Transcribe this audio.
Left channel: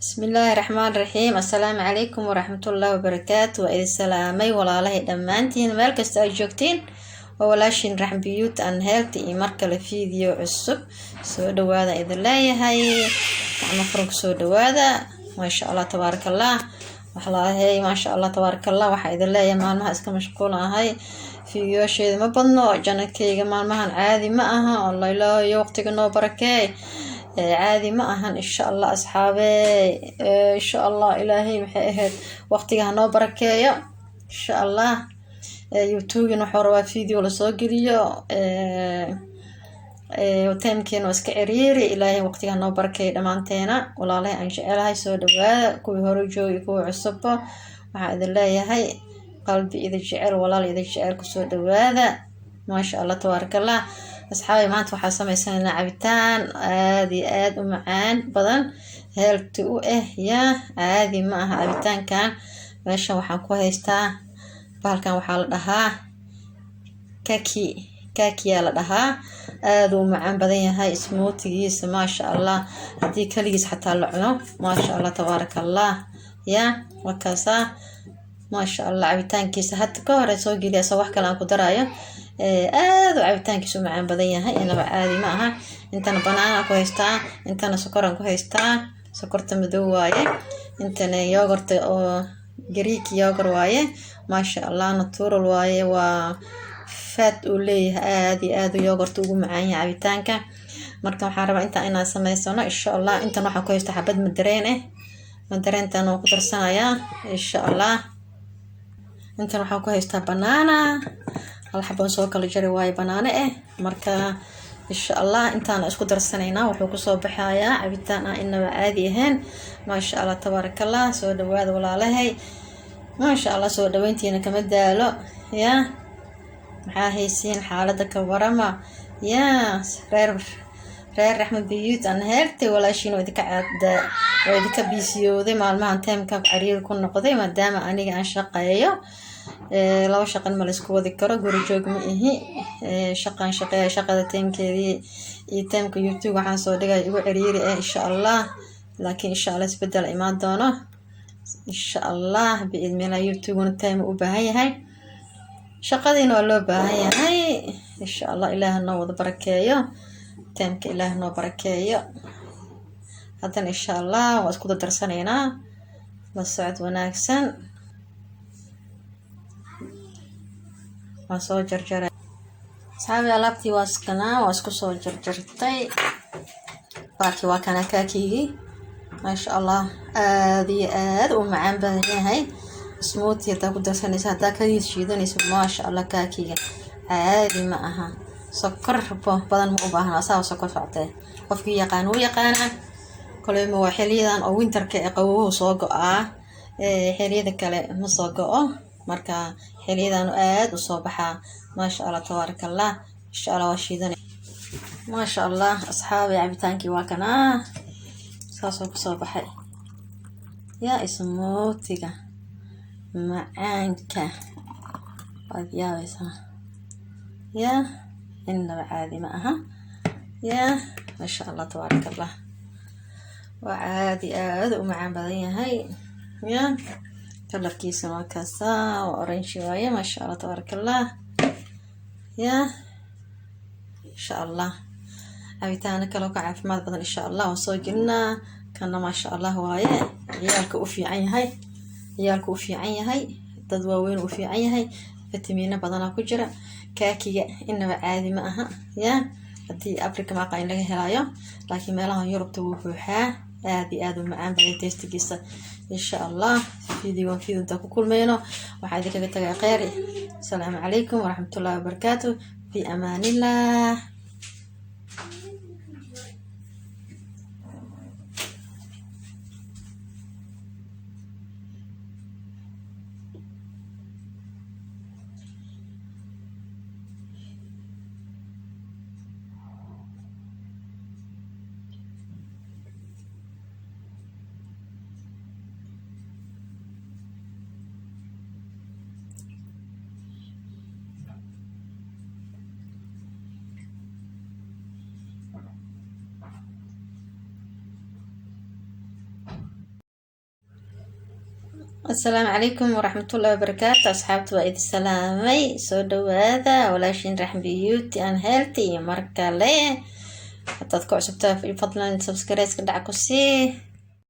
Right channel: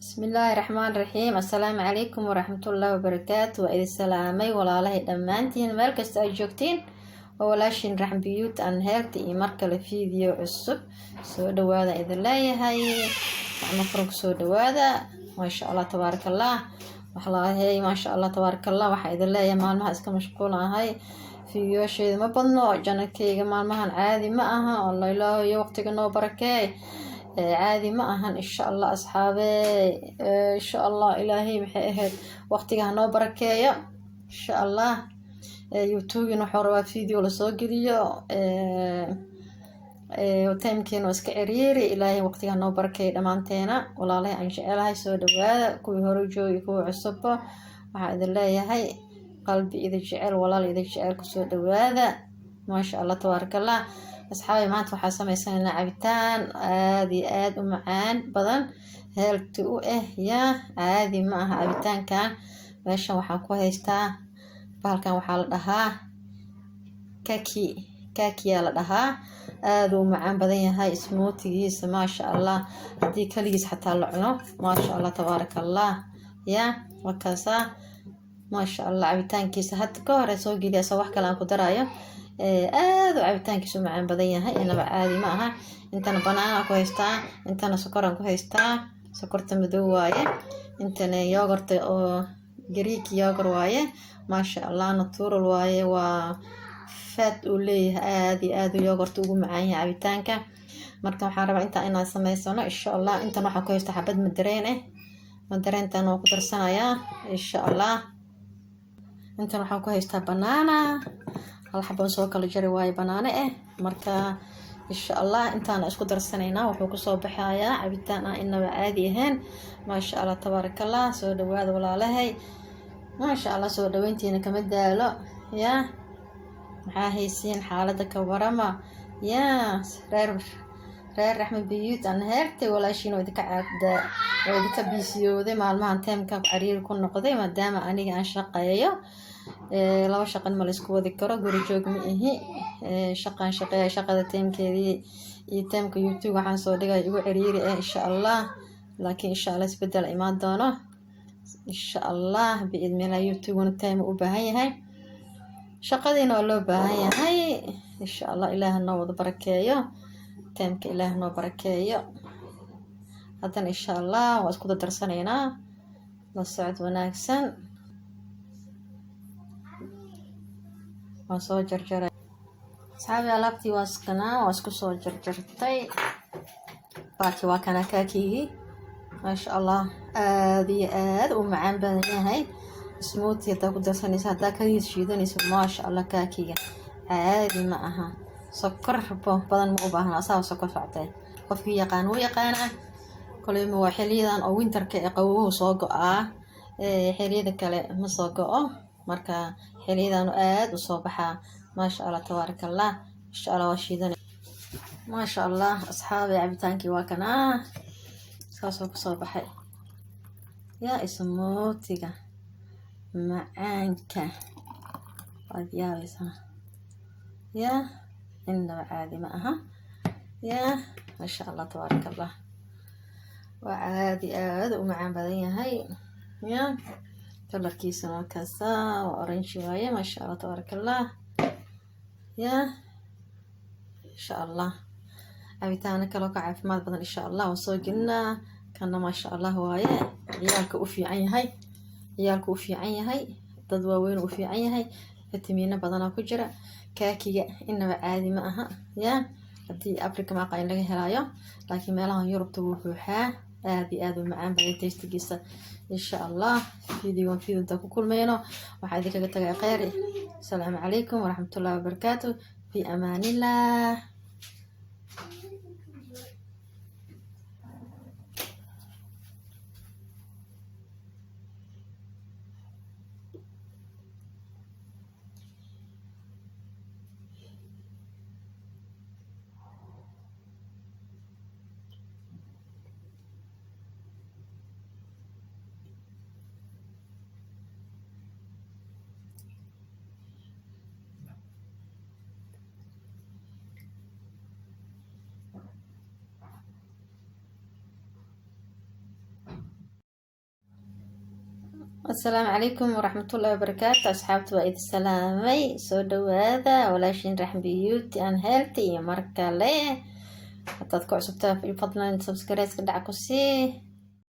بسم الله الرحمن الرحيم. السلام عليكم ورحمة الله وبركاته. وإذا سلامي والله دمانتين مال كستا جوجتين وولاشين رحم بيوت أن هيلتي مركل فيديو عصب سو دوادا إذا لا يهي مفروق سو دوادا ما شاء الله تبارك الله وحلاهي ما شاء الله تبارك الله وحا إذا لا يمالمها اسكا مشغولة هاي فيديو شيء ما بدنو جنكيga maalmahan caadi ma aha والله ilaahay waqtiga noo barakay عادي ما أهان إن شاء الله أصحابي إن شاء الله إلهي محيهد وقتها نو بركايا إن شاء الله يوتيوب نحور فيديو لصوغريو وتمكن واسك عريري إلهي وقتها نو بركايا دمانتينا ولا لي أن شاء الله يسود وهذا كوي هروجو يكوي عصبه وعاد الله يهي قلبي إذا جعل ولا لي إذا جعل كسود وهذا ما شاء الله تبارك الله أصحابي maanta waxaa sameysanaynaa cabitaan aad u macaan badan healthy u yaa caadi ma aha cabitaankan meeshan waxaan ku haystaa bahalkan waxaa la dhahaa kaki la dhahaa aad u macaan badan yahay smoothiegiisa maasha Allah hadii kaligiis xataa la cuno maasha Allah tabaarakallah yaa wakaasa maasha Allah cabitaankiisa hadda ka hore soo geliya soo wax kale aan ku daraayo aad u cabitaankiisu macaan badan yahay inaba caadi ma aha intana banaana ku haystaa intana sokoran ku haystaa sokorta madow waaye intana yogurt oo Greek yogurt waaye maasha Allah natural waaye waa fat u leeyahay aad yogurt ugu macaan yahay cabitaanka marka waxaan rabaa inaan sameysano insha Allah intana waxaan ku haystaa xabad madareen oo ku darsanayaa insha Allah intana waxaan ku haystaa banaana الحبان سو kala jari way banaana marka insha Allah intaan isku darsanayna wuxuu ku soo baxayaa cabitaan inaba caadi ahaan ma sha Allah tabarakallah soo dhawaad walaalahay ma sha Allah soo dhaweyntiina kama daalo ya maxaa haysiin xaaladda ka warama ya reer raxmad biyut an heertay walaashiin oo idinka caada oo idinka bisiyooday maalmahan teemka cariir ku noqday maadaama aniga aan shaqeeyo laba shaqan ma la isku wadi karo guri joog ma ihi shaqada teemkeedii iyo teemka YouTube waxaan soo dhigay igu ciriiri insha Allah laakiin insha Allah isbedel imaan doono insha Allah biidmina YouTube teem u baahan yahay shaqadiina waa loo baahan yahay insha Allah Ilaahay noo wada barakeeyo teemka Ilaahay noo barakeeyo hadan insha Allah waa isku darsanaynaa la socod wanaagsan soo jarjaray saxaabay alaabtii waa isku soo jarjartay baaki waa kana kaakigi ma sha Allah aad u macaan badan yahay smoothie ta ku darsanaysa hada kaliis shiidanaysa ma sha Allah kaakiga caadi ma aha sokor badan ma u baahna asaa sokor factay qofkii yaqaana kale ma waa xiliyadan oo winterka ee qabow soo go'aa xiliyada kale ma soo go'o marka xiliyadan aad u soo baxaa ma sha Allah tabarakallah insha Allah washiidan ma sha Allah asxaabi cabitaankii waa kana saasoo ku soo baxay ya ismootiga macaanka wadiyaaysa ya inaba caadi ma aha ya ma sha Allah tabarakallah waa caadi aad u macaan badan yahay ya كلركيسه وكاسا وأورنج شوية ما شاء الله تبارك الله يا إن شاء الله عبيتانا كلو كعف ما بدن إن شاء الله وصوجنا كنا ما شاء الله وايا عيالك وفي عين هاي تدواوين وفي عين هاي فيتامين بدنا كجرا كاكي إنما عادي معها يا هدي أفريقيا ما قاين لها هلايا لكن ما لها يوروب توفوها aad macaan badan tastigiisa insha Allah video inta ku kulmayno waxa idinka tagay khayr assalamu alaykum wa rahmatullahi wa barakatuh fi amanillah. السلام عليكم ورحمة الله وبركاته أصحابتي وإيد السلامي سو دوادا ولاشين راح بيوتي أن هيلتي مركا ليه حتى تكون عصبتها في فضلا سبسكرايز كدعكو سيه